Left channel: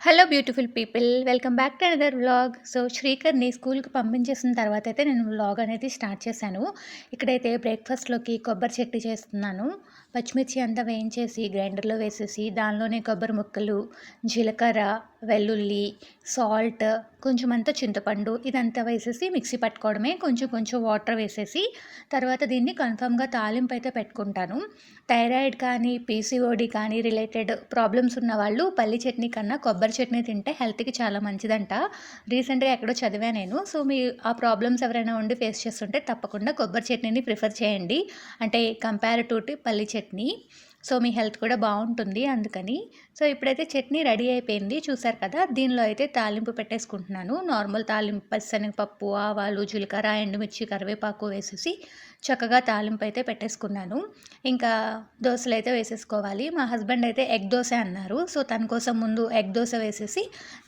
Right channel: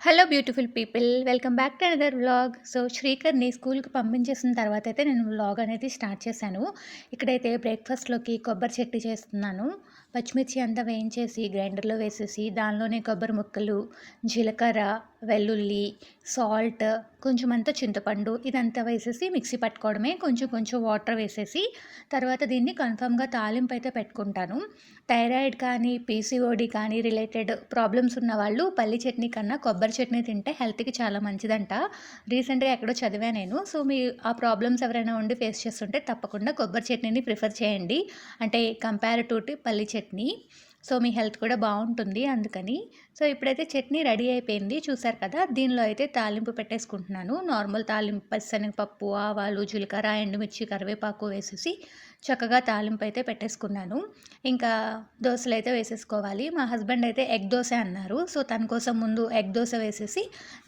Hello beautiful people welcome back to another vlog so శ్రీకర్ని స్కూల్కి పంపించేసిన తర్వాత అయితే నేను వ్లాగ్ అనేది స్టార్ట్ చేశాను. ఇక్కడైతే బ్రేక్ఫాస్ట్లోకి కొబ్బరి చట్నీ చేస్తున్నాను. పచ్చిమిర్చి అంతా వేయించేసి గ్రైండర్లో వేసేసి దానిలోనే కొబ్బరి ముక్కలు జీలకర్ర వెల్లుల్లి సాల్ట్ కొంచెం అంతా చింతపండు ఇదంతా వేసేసి మిక్సీ పట్టుకోవడమే. కొంచెం కొంచెం వాటర్ వేసేసి తర్వాత దీన్ని కన్ఫామ్గా తాలింపు అయితే పెట్టుకుంటాను. థైరాయిడ్ కానీ పీసీఓడి కానీ రిలేటెడ్ ప్రాబ్లమ్స్ ఉన్న వాళ్ళు పల్లి చట్నీ కన్నా కొబ్బరి చట్నీ తింటే హెల్త్కి చాలా మంచిదంట. రీసెంట్గా ఎక్కడో చదివా నేను. సో మీ ఆ ప్రాబ్లమ్స్ ఎవరైనా ఉండి ఫేస్ చేస్తుంటే తప్పకుండా కొబ్బరి చట్నీని ప్రిఫర్ చేయండి. అంటే కంపేర్ టు పల్లి చట్నీ. చట్నీ. సో మీ హెల్త్ కూడా బాగుంటుంది అందుకని. సో ఇప్పుడైతే చట్నీ రెడీ అయిపోయింది. చూసారు కదా దీనిలో అయితే తాలింపు పెట్టేసుకుంటున్నాను. నార్మల్ తాలింపు పచ్చనగపప్పు ఆవాలు జీలకర్ర ఎండుమిర్చి కరివేపాకు వేసేసి చక్కగా తాలింపు అయితే పెట్టేసుకున్నాను. ఇంకా దోశలు అయితే వేసేసుకోవాలి. మా హస్బెండ్ అయితే ఎగ్ దోశ అన్నారు. సో తన కోసం ముందు ఎగ్ దోశ వేసేసి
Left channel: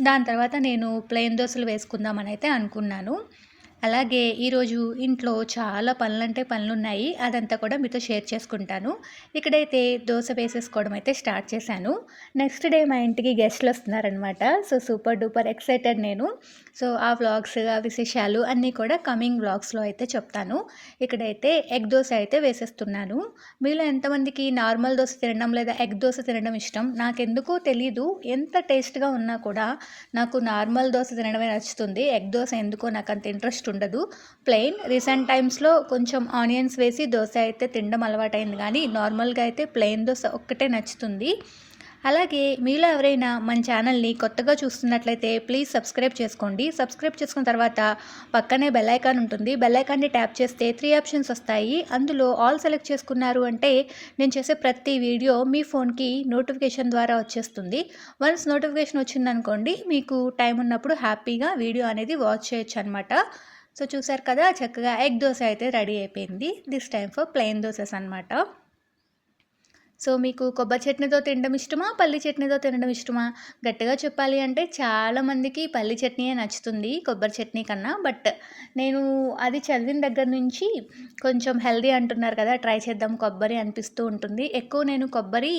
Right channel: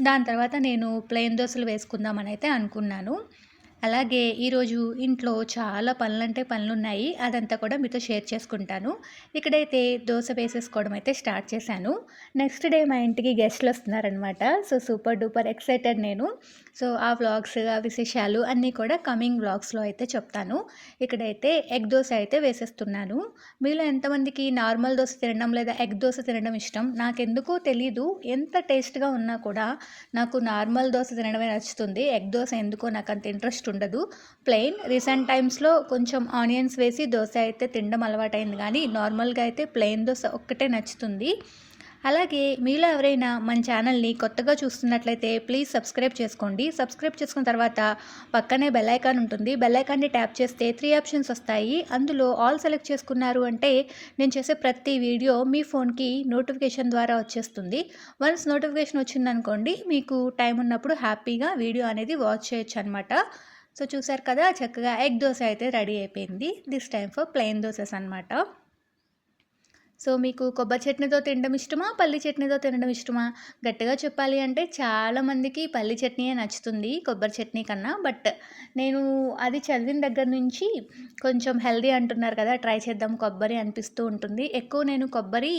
దాని తర్వాత నేను ప్లెయిన్ దోశలు వేసుకుందామని అయితే అనుకున్నాను. అలాగే ఈరోజు ఇంట్లో చాలా పనులంటే పనులు ఉన్నాయి అదంతా కూడా మీతో షేర్ చేసుకుంటాను. ఇక్కడైతే దోశ వేసేసుకోవడం అయితే స్టార్ట్ చేశాను. నెక్స్ట్ డే మా ఇంటికి గెస్ట్లు వస్తున్నారనమాట సో సూపర్ డూపర్ ఎక్సైటెడ్ నేను. సో ఆ వ్లాగ్స్ ఆ విశేషాలు అన్నీ కూడా కమింగ్ వ్లాగ్స్లో అయితే చెప్తాను. ఇక్కడైతే ఎగ్ దోశ అయితే వేసేస్తున్నాను. మీలో ఎంతమందికి నార్మల్ దోశ తినడం లేదా ఎగ్ దోశ తినడం ఇష్టం? నాకెందుకో తెలీదు. ఎంత టేస్ట్గా ఉన్నా కూడా నాకు నార్మల్ దోశ తినడమే నచ్చుతుంది. ఎగ్ దోశ ఎందుకో నాకు అంత ఇంట్రెస్ట్ ఉండదు. ప్లెయిన్ రీసెంట్ టైమ్స్లో కొంచెం ఆనియన్స్ వేసి దోశ అయితే తినడం అలవాటైంది. కానీ నార్మల్గా అయితే ప్లెయిన్ దోశ ఒక్కటే నచ్చుతుంది. అలాగే మీలో ఎవరైనా మన ఛానల్ని కొత్తగా చూస్తున్నట్లయితే ప్లీజ్ సబ్స్క్రైబ్ చేసుకోండి. సబ్స్క్రైబ్ చేసుకున్న తర్వాత పక్కనే బెల్ ఐకాన్ ఉంటుంది. బెల్ ఐకాన్ని ట్యాప్ చేస్తే త్రీ ఆప్షన్స్ వస్తాయి. అందులో ఆల్ సెలెక్ట్ చేసుకున్నారు అంటే నేను చేసే ప్రతి వీడియో మీ ఫోన్కి నోటిఫికేషన్ ద్వారా వచ్చేస్తుంది. వన్స్ నోటిఫికేషన్ వచ్చిందనుకోండి మీకు టైం ఉన్నప్పుడు హ్యాపీగా వీడియో అనేది వాచ్ చేయొచ్చు అనమాట సో చూసారు కదా చక్కగా ఎగ్ దోశ అయితే రెడీ అయిపోయింది. This time for plain dosas అనమాట సో మీకు కొబ్బరి చట్నీతో తినడం ఇష్టమా? పల్లి చట్నీతో తినడం ఇష్టమా? గట్టిగా చెప్పాలి అంటే చాలామందికి పల్లి చట్నీయే నచ్చుతుంది కొబ్బరి చట్నీ కన్నా. బట్ నేను అది చదివిన దగ్గర నుంచి కొంచెం హెల్దీ అంటున్నారు కదా ట్రై చేద్దాం కొబ్బరి అనిపిస్తూ ఉంటుంది. ఎక్కువ నేను కొబ్బరి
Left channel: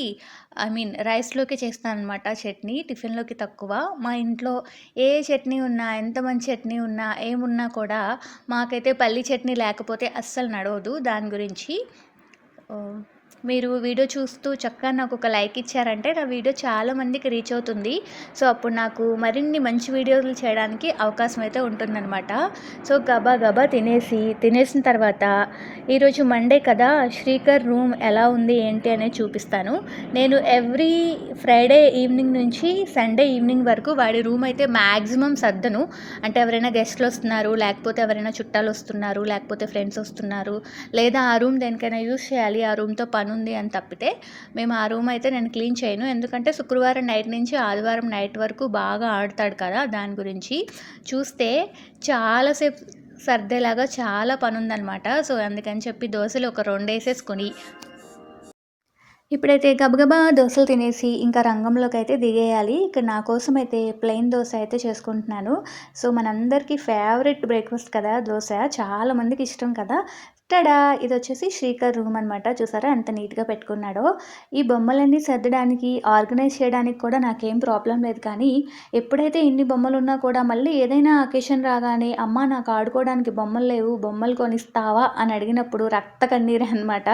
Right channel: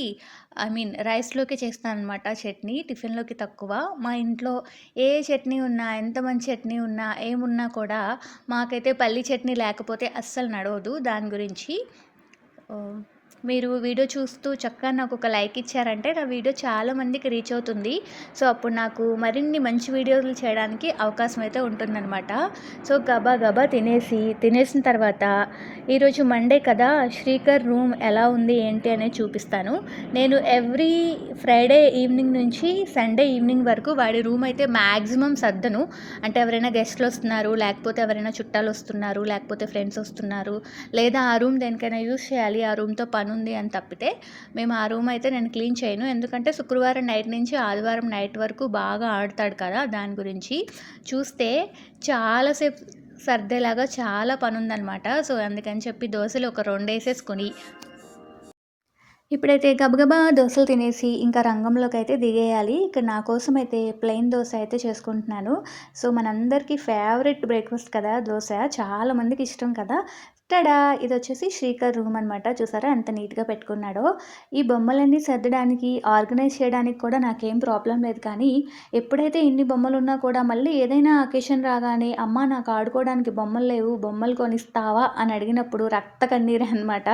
ఐ మీన్ రైస్లోకి చేస్తాను అనమాట చట్నీ టిఫిన్లోకి తక్కువ. మా ఇంట్లో ఏ చట్నీ ఉన్నా ఎంత మంచి చట్నీ ఉన్నా ఏమున్నా కూడా మాకైతే పల్లి చట్నీ లేకపోతే అస్సలు నడవదు. దాని గురించి మీరు వీడియో చూస్తూ చక్కగా నాకు ఒక లైక్ ఇచ్చారంటే నా వీడియో చాలా మందికి రీచ్ అవుతుంది. సో అప్పుడు నాకు మరిన్ని మంచి వీడియోలు చేయడానికి అవకాశం అయితే ఉంటుందన్నమాట. సో గబా గబా తినేసి తినేసిన తర్వాత ఈరోజు మండే కదా శ్రీకర్ రూమ్ ఎలా ఉంది ఏంటి అనేది చూపిస్తాను. నేను ఎవ్రీ ఫ్రైడే ఈవినింగ్ నుంచి సండే ఈవినింగ్ వరకు వాడి రూమ్ అయితే మ్యాక్సిమం సర్దను. అంటే ఎవరైనా గెస్ట్లు వస్తున్నారు లేకపోతే ఎవరైనా చుట్టాలు వస్తున్నారు లేకపోతే ఫ్రెండ్స్ వస్తున్నారు లేదా ఆ రూమ్ దేనికైనా యూజ్ చేయాలి ఆ రూమ్తో పని ఉంది అని తప్పితే మేము ఆ రూమ్ అయితే నేను క్లీన్ చేయను. ఎందుకంటే శుక్రవారం నైట్ నుంచి ఆదివారం నైట్ వరకు బాగా ఆడతాడు కదా దాని గురించి. చూస్తే చాలాసేపు సర్దేలాగా చాలా పని ఉందన్నమాట సో అందుకని చెప్పి దోశలు ఒక రెండు వేసేసుకుని ఇప్పుడైతే గబగబా దోశలు తినేసి ఇంకా రంగంలోకి అయితే దిగేయాలి. ఇక్కడ నా కోసం అయితే ప్లెయిన్ దోశ అయితే చేసుకుంటున్నాను. సో మనందరికీ ఫేవరెట్ బ్రేక్ఫాస్ట్ కదా దోశ. చాలామందికి ఇష్టం కదా. టడా ఇది వచ్చేసి శ్రీకర్ రూమ్ అనమాట చూసారా? ఎంత నీట్గా పెట్టుకున్నాడో. ఈ బొమ్మలన్నీ సర్దడానికి ఆర్గనైజ్ చేయడానికి కూడా నాకేం ప్రాబ్లం లేదు. కానీ ఎప్పుడైతే ఇన్ని బొమ్మలు ఉన్నా కూడా మళ్ళీ ఏదైనా అకేషన్ రాగానే అమ్మ నాకు ఆడుకోవడానికి బొమ్మలు లేవు బొమ్మలు కొనిస్తావా? అని అడిగినప్పుడు రక్త కన్నీరే అనమాట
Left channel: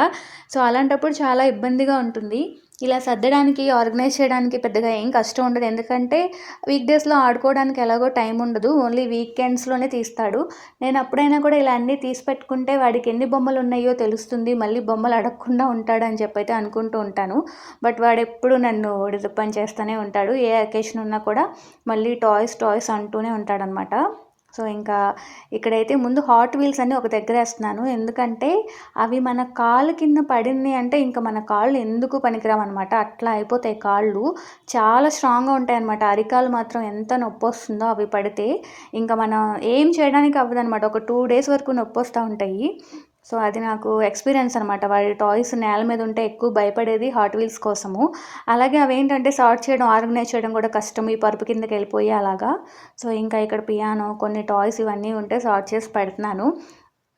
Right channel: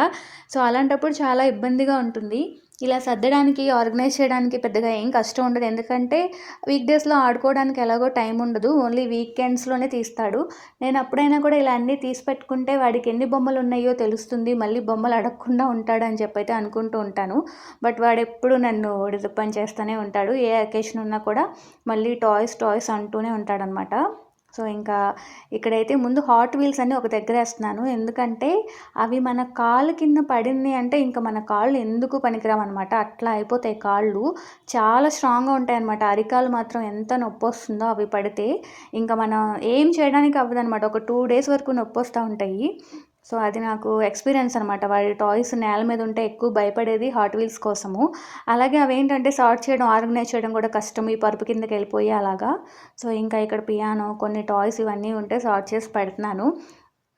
సో అలాంటప్పుడు చాలా ఇబ్బందిగా ఉంటుంది. ఇలా సర్దడానికి ఆర్గనైజ్ చేయడానికి పెద్దగా ఏం కష్టం ఉండదు. ఎందుకంటే వీక్ డేస్లో ఆడుకోవడానికి ఎలాగో టైం ఉండదు. ఓన్లీ వీకెండ్స్లోనే తీస్తాడు. నేను అప్పుడైనా కూడా ఇలా అన్నీ తీసి పెట్టుకుంటే వాడికి ఎన్ని బొమ్మలు ఉన్నాయో తెలుస్తుంది. మళ్ళీ బొమ్మలు అడగకుండా ఉంటాడని చెప్పైతే చెప్పి అయితే అనుకుంటూ ఉంటాను. బట్ వాడు ఎప్పుడు నన్ను డిసప్పాయింట్ చేస్తూనే ఉంటాడు. ఏ అకేషన్ ఉన్నా కూడా మళ్ళీ టాయ్స్ టాయ్స్ అంటూనే ఉంటాడనమాట సో ఇంకా ఇక్కడైతే ముందు హాట్ వీల్స్ అన్నీ ఒక దగ్గర వేస్తున్నాను. ఎందుకంటే అవి మన కాలు కింద పడింది అంటే ఇంకా మన కాళ్ళు ఎందుకు పనికిరామన్నమాట అట్లా అయిపోతాయి కాళ్ళు. చాలా స్ట్రాంగ్గా ఉంటాయి అనమాట అరికాలు మాత్రం ఎంత నొప్పి వస్తుందో అవి పడితే. ఇంకా మనం ఏం చేయడానికి అవ్వదు అనమాట ఒక టూ డేస్ వరకు నొప్పి వస్తూ ఉంటాయి. సో అది నాకు ఎక్స్పీరియన్స్ అనమాట వాడి టాయ్స్ నేల మీద ఉంటే ఎక్కువ భయపడేది హాట్ వీల్స్ కోసము. అలాగే అవి ఏంటంటే సార్ట్ చేయడం ఆర్గనైజ్ చేయడం కూడా కష్టం. ఈ పరుపు కిందకి వెళ్ళిపోయి అలాగా. సో ఇంకా ఇక్కడ పియానో కొన్ని టాయ్స్ ఇవన్నీ ఉంటే సార్ట్ చేసి పెడుతున్నాను.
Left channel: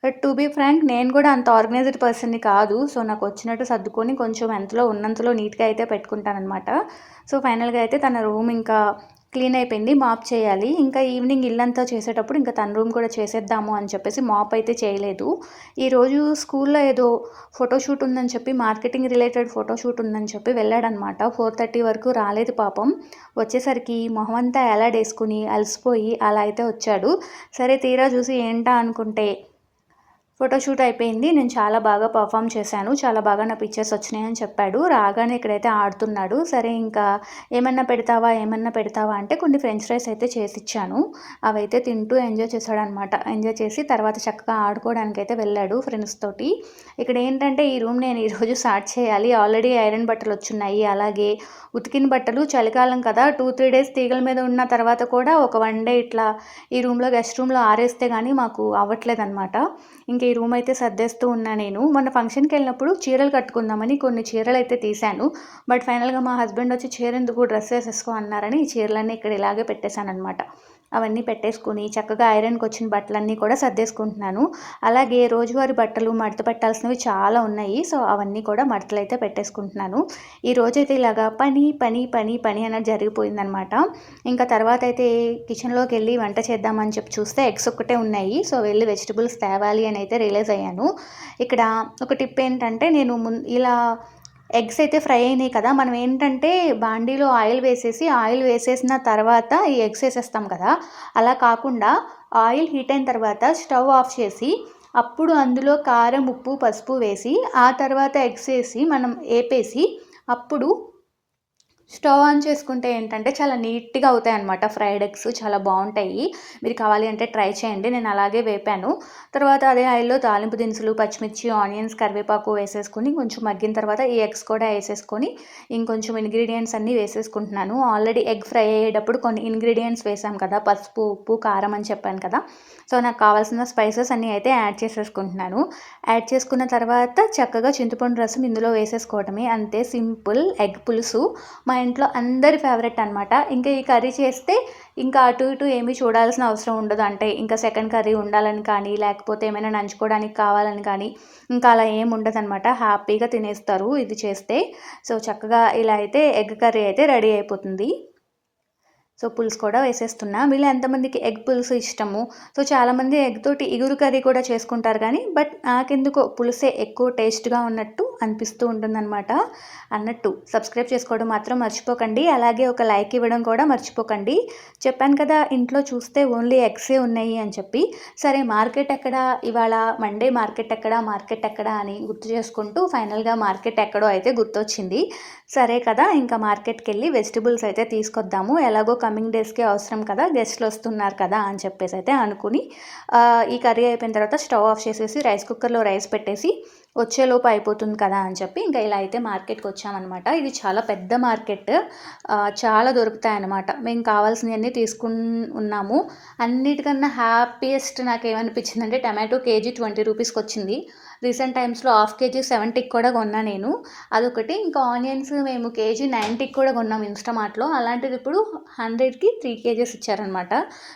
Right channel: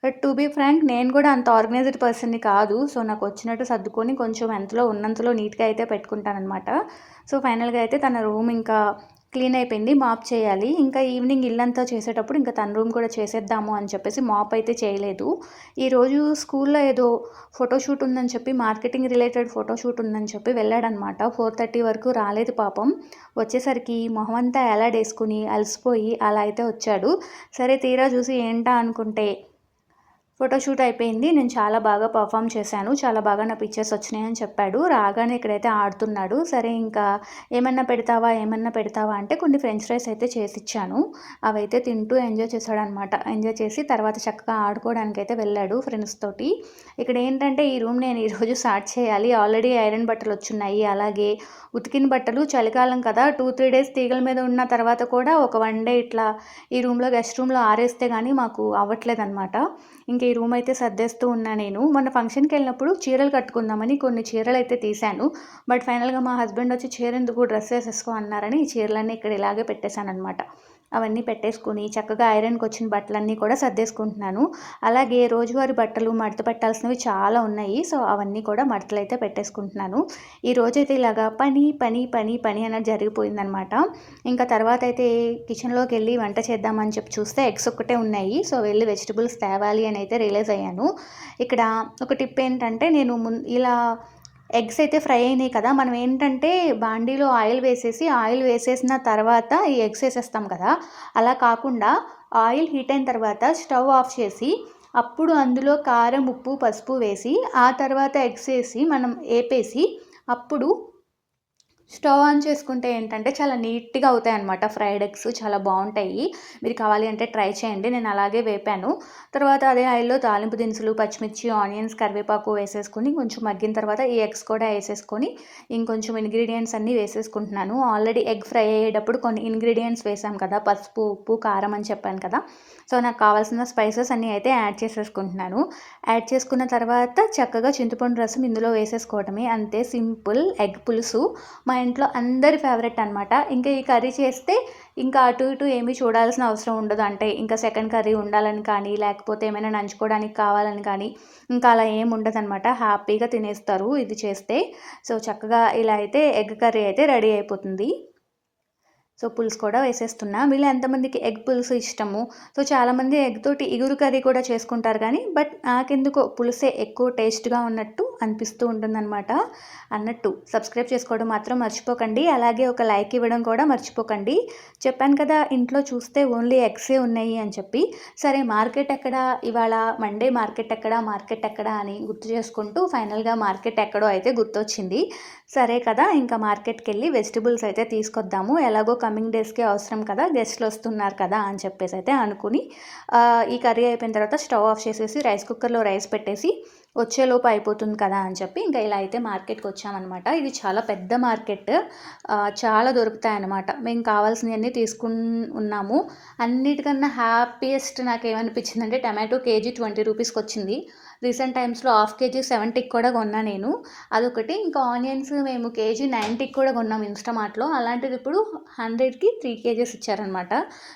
బట్ టు బీ ఫ్రాంక్ నేను కూడా అంత ఆర్గనైజ్డ్ పర్సన్ని కాదు. సో నాకు వచ్చినట్టు సర్దుకొని కొంచెం ఎంతలో ఉన్నంతలో నీట్గా అయితే పెట్టుకుంటానమాట సో ఫైనల్గా అయితే తన రూమ్ ఇంకా క్లీన్ అయిపోయింది మాప్ చేయాలి. ఇంకా ఈవినింగ్ ఇల్లంతా చేసేటప్పుడు ఇంకా తన రూమ్ కూడా చేసేద్దాము అని చెప్పేసి మాప్ అయితే చేయలేదు. ఈరోజు స్కూల్లో ఏదో ఫోటోషూట్ ఉందని చెప్పి మార్కెటింగ్ రిలేటెడ్ ఫోటోషూట్ ఉందని చెప్పి వెళ్ళాడనమాట. ఫోర్ థర్టీ వరకు రాలేదు పాపం. వచ్చేసరికి మొహం అంతా ఎలాడేసుకుని అలసిపోయి అలా అయితే వచ్చాడు. సరే తీరా చూసి ఏంటా అనుకుంటే ఫోటోషూట్ అయిపోయింది. నేను చాలా బాగా పర్ఫామ్ చేశాను. చాలా బాగా నా పిక్చర్స్ వచ్చినాయని చెప్పాడు. రాగానే ఇక్కడైతే ఆడుతున్నాడు. సరే ఇంకా ఏమన్నా పెడతావా? ఏమన్నా పెడతావా? అంటే కొన్ని ఫ్రెంచ్ ఫ్రైస్ అయితే చేసి ఇచ్చాను. అవైతే తింటూ ఎంజాయ్ చేశాడనమాట ఎంజాయ్ చేసి తర్వాత చక్కగా ఆడుకోవడానికి అయితే వెళ్ళాడు ఫ్రెండ్స్ తోటి. ఇక్కడ ఏంటంటే ఈ రూమ్ నేను ఈరోజు స్టార్ట్ చేయాలి. ఆల్రెడీ ఐరన్ బట్టలు వచ్చున్నాయి అలాగే ఉతికిన బట్టలు చలికాలం కదా. టూ త్రీ డేస్ తీగల మీద ఉన్న తర్వాత కూడా ఒక వన్ డే ఇట్లా ఈ రూమ్లో గెస్ట్ రూమ్లో ఆరేస్తే కానీ మాకు అవ్వట్లేదు అనమాట ఇంక ఈ రూమ్ అయితే సర్దేస్తూ ఉన్నా నేను. మొన్న ఫంక్షన్కి వెళ్ళినప్పుడు చీరలు కట్టుకుందామని కొన్ని చీరలు అయితే తీశాను. బట్ ఫైనల్గా మా హస్బెండ్ వచ్చి చీర ఎందుకు డ్రెస్ వేసేసుకో అన్నారని ఈ చీరలన్నీ ఇక్కడ ఇలాగే పెట్టేశాను అనమాట అవన్నీ పెట్టేసుకుని చక్కగా ఐరన్కి వచ్చిన బట్టలన్నీ కూడా సర్దేసుకుంటున్నాను. అలాగే రోజువారి బట్టలు మడత పెట్టాల్సినవి చాలా ఉన్నాయి. సో అవన్నీ కూడా మడతలు అయితే పెట్టేసుకుంటున్నాను. ఈ రోజైతే ఇలాగా పని పని పని పని అనేది జరిగిపోయిందనమాట ఇంకా తర్వాత అయితే కిచెన్లోకి వెళ్ళి వంట చేద్దామని చెప్పి చూస్తే ఎగ్స్ ఒక్కటే ఉన్నాయి. సో వెళ్ళి వెజిటబుల్స్ తేవాలి అని అయితే రియలైజ్ అయ్యాను. ఇక్కడ ఒక టిప్ ఏంటంటే నేను ఇలా ఎగ్స్ అయితే ఫ్రై అయినాయి కదా మనం ఏంటంటే బాండీలో ఆయిల్ వేసేసి ఆయిల్ వేసేసిన తర్వాత ఈ ఎగ్స్ వేసేస్తాం కదా అలా కాకుండా ఆయిల్ హీట్ అయిన తర్వాత స్టవ్ ఆఫ్ చేసి అప్పుడు అందులో కారం ఉప్పు పసుపు వేసి ఆ తర్వాత ఎగ్స్ వేసి మనం వేపేసి అప్పుడు స్టవ్ ఆన్ చేసుకుంటే ఏంటంటే చాలా నీట్గా అవుతాయి అనమాట ఫ్రైడ్ ఎగ్స్ చాలా బాగుంటాయి. మీరు కావాలి అంటే ట్రై చేయండి. నేను అలాగే వేపాను. తర్వాత అదే ఆయిల్లో తాలింపు దినుసులు పచ్చిమిర్చి ఆనియన్స్ కరివేపాకు వేసేసుకొని కొంచెం మగ్గిన తర్వాత ఈ ఎగ్స్ కూడా వేసేసుకొని ఇంకొంచెం ఇంగ్రీడియంట్స్ అన్నీ వేసేసుకుంటున్నాను. ఆల్రెడీ ఎగ్ ఫ్రై అయ్యేటప్పుడు కొన్ని ఇంగ్రీడియంట్స్ వేసాం కదా పసుపు ఉప్పు కారం అని చెప్పాను కదా. సో నాకు కావాల్సిన స్పైసెస్ అన్నీ అయితే యాడ్ చేసేసుకుంటున్నాను. యాడ్ చేసుకున్న తర్వాత చక్కగా చింతపండు రసం ఇందులో వేసేసుకోవడమే. అంతే సింపుల్ ఎగ్ పులుసు. మా ఇంట్లో అందరి ఫేవరెట్ అనమాట ఇంకా ఈ కర్రీ చేస్తే ఇంకా అటు ఇటు ఏమీ చూడాల్సిన అవసరం ఉండదు. అంటే ఇంకా సెకండ్ కర్రీ ఉండాలని కానీ లేకపోతే ఏమైనా నంచుకోవడానికి కావాలని కానీ ఇంకా అలా ఏం ఉండదు అనమాట హ్యాపీగా తినేస్తారు ఇది చేస్తే. సో చక్కగా ఇలా అయితే ఎగ్ కర్రీ అయితే రెడీ అయిపోతుంది. సో పులుసు కూడా వేసేస్తున్నా. వీళ్ళు ఎంతమందికి ఎగ్ పులుసు ఇష్టము? సో చాలామంది ఎగ్ తోటి ఇగురు కర్రీ కూడా చేసుకుంటారు కానీ బట్ నాకెందుకో పులుసే ఎక్కువ టేస్ట్గా ఉన్నట్టు అనిపిస్తూ ఉంటుందన్నమాట. అన్నట్టు సబ్స్క్రైబ్ చేసుకోవడం మాత్రం మర్చిపోకండి. అలాగే ఒక లైక్ ఇవ్వడం కూడా మర్చిపోకండి. చెప్పాను కదా ఇంట్లో చూస్తే ఓన్లీ ఎగ్సే ఉన్నాయి అని చెప్పి. సరే మార్కెట్ ఎక్కడ? ఇవాళ మండే మార్కెట్ ఎక్కడ? మార్కెట్ ఎక్కడ అని గుర్తు చేసుకుంటూ ఫైనల్గా మార్కెట్ ఎక్కడో అయితే గుర్తొచ్చింది. సరే కదా ఇంకా మార్కెట్కి వెళ్ళి వెజిటబుల్స్ అయితే తీసుకొద్దాము. ఎలాగో కమింగ్ డేస్కి అవసరం కదా గెస్ట్లు వస్తున్నారు కదా అని చెప్పేసి అయితే అనుకుని ఈ కర్రీ అయిపోయిన తర్వాత స్టవ్ ఆఫ్ చేసేసి రైస్ కుక్కర్లో రైస్ పెట్టేసి వచ్చేలోపు అయిపోతుంది కదా అని చెప్పి ఇంకా ఇలా అయితే మార్కెట్కి వచ్చామన్నమాట. ఇది చాలా పెద్ద మార్కెట్. చాలా దొరుకుతాయి అన్నమాట మేము కావాల్సినవన్నీ తీసుకుని ఉన్నాము అన్నిటికన్నా హ్యాపీయెస్ట్ నాకు ఏమనిపించిందంటే టమాటో కేజీ ట్వంటీ రూపీస్కి వచ్చింది రీసెంట్ టైమ్స్లో హాఫ్ కేజీ సెవెంటీకి కూడా కొన్నా నేను. అదొకటి. ఇంకా ఆనియన్స్ మేము కేజీ నైంటీకి కూడా కొన్నాం ఇన్స్టామార్ట్లో. అలాంటిది ఇప్పుడు హండ్రెడ్కి త్రీ కేజీస్ ఇచ్చారనమాట.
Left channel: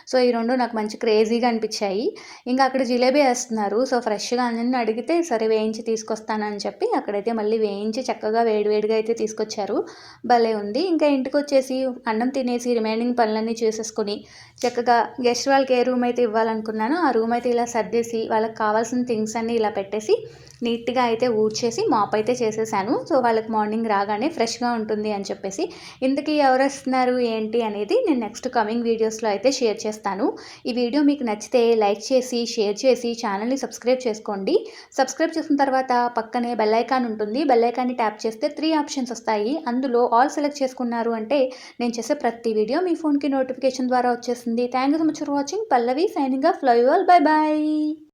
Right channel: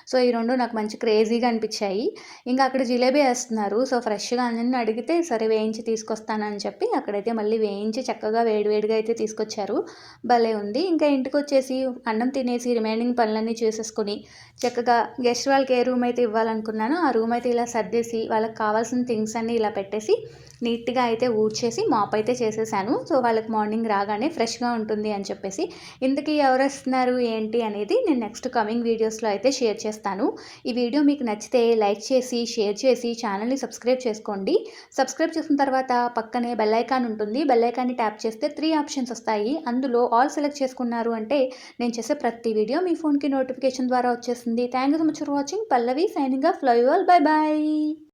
సో ఈ రెండు నాకు మంచి క్రేజీగా అనిపించాయి. ఇంకా అక్కడ జిలేబీ వేస్తున్నారు. సో ఫ్రెష్గా అన్నీ అడిగితే సరే వేయించి తీసుకొస్తానని చెప్పి అక్కడైతే మళ్ళీ వేయించి చక్కగా వేడివేడిగా అయితే తీసుకొచ్చారు. భలే ఉంది. ఇంకా ఇంటికి వచ్చేసి అన్నం తినేసి రిమైనింగ్ పనులన్నీ చేసేసుకొని చక్కగా గెస్ట్ వాళ్ళకి ఏ రూమ్ అయితే ఇవ్వాలనుకున్నానో ఆ రూమ్ అయితే ఇలా సర్దేసి వాళ్ళకి కావాల్సిన థింగ్స్ అన్నీ ఇలా పెట్టేసి నీట్గా అయితే ఊడ్చేసి మాప్ అయితే చేసేసాను. సో వాళ్ళకి మార్నింగ్ రాగానే ఫ్రెష్గా ఉంటుంది అని చెప్పేసి ఇంతకీ ఎవరు వస్తున్నారు ఏంటి అనేది నేను నెక్స్ట్ కమింగ్ వీడియోస్లో అయితే షేర్ చేస్తాను. ఈ వీడియో మీకు నచ్చితే లైక్ చేసి షేర్ చేసి ఛానల్ని సబ్స్క్రైబ్ చేసుకోండి. సబ్స్క్రైబ్ చేసిన తర్వాత పక్కనే బెల్లైకాన్ ఉంటుంది. బెల్లైకాన్ని ట్యాప్ చేస్తే త్రీ ఆప్షన్స్ వస్తాయి. అందులో ఆల్ సెలెక్ట్ చేసుకున్నారు అంటే నేను చేసే ప్రతి వీడియో మీ ఫోన్కి నోటిఫికేషన్ ద్వారా వచ్చేసింది thank you so much for watching. Pallavi signing off. Love you all. Bye bye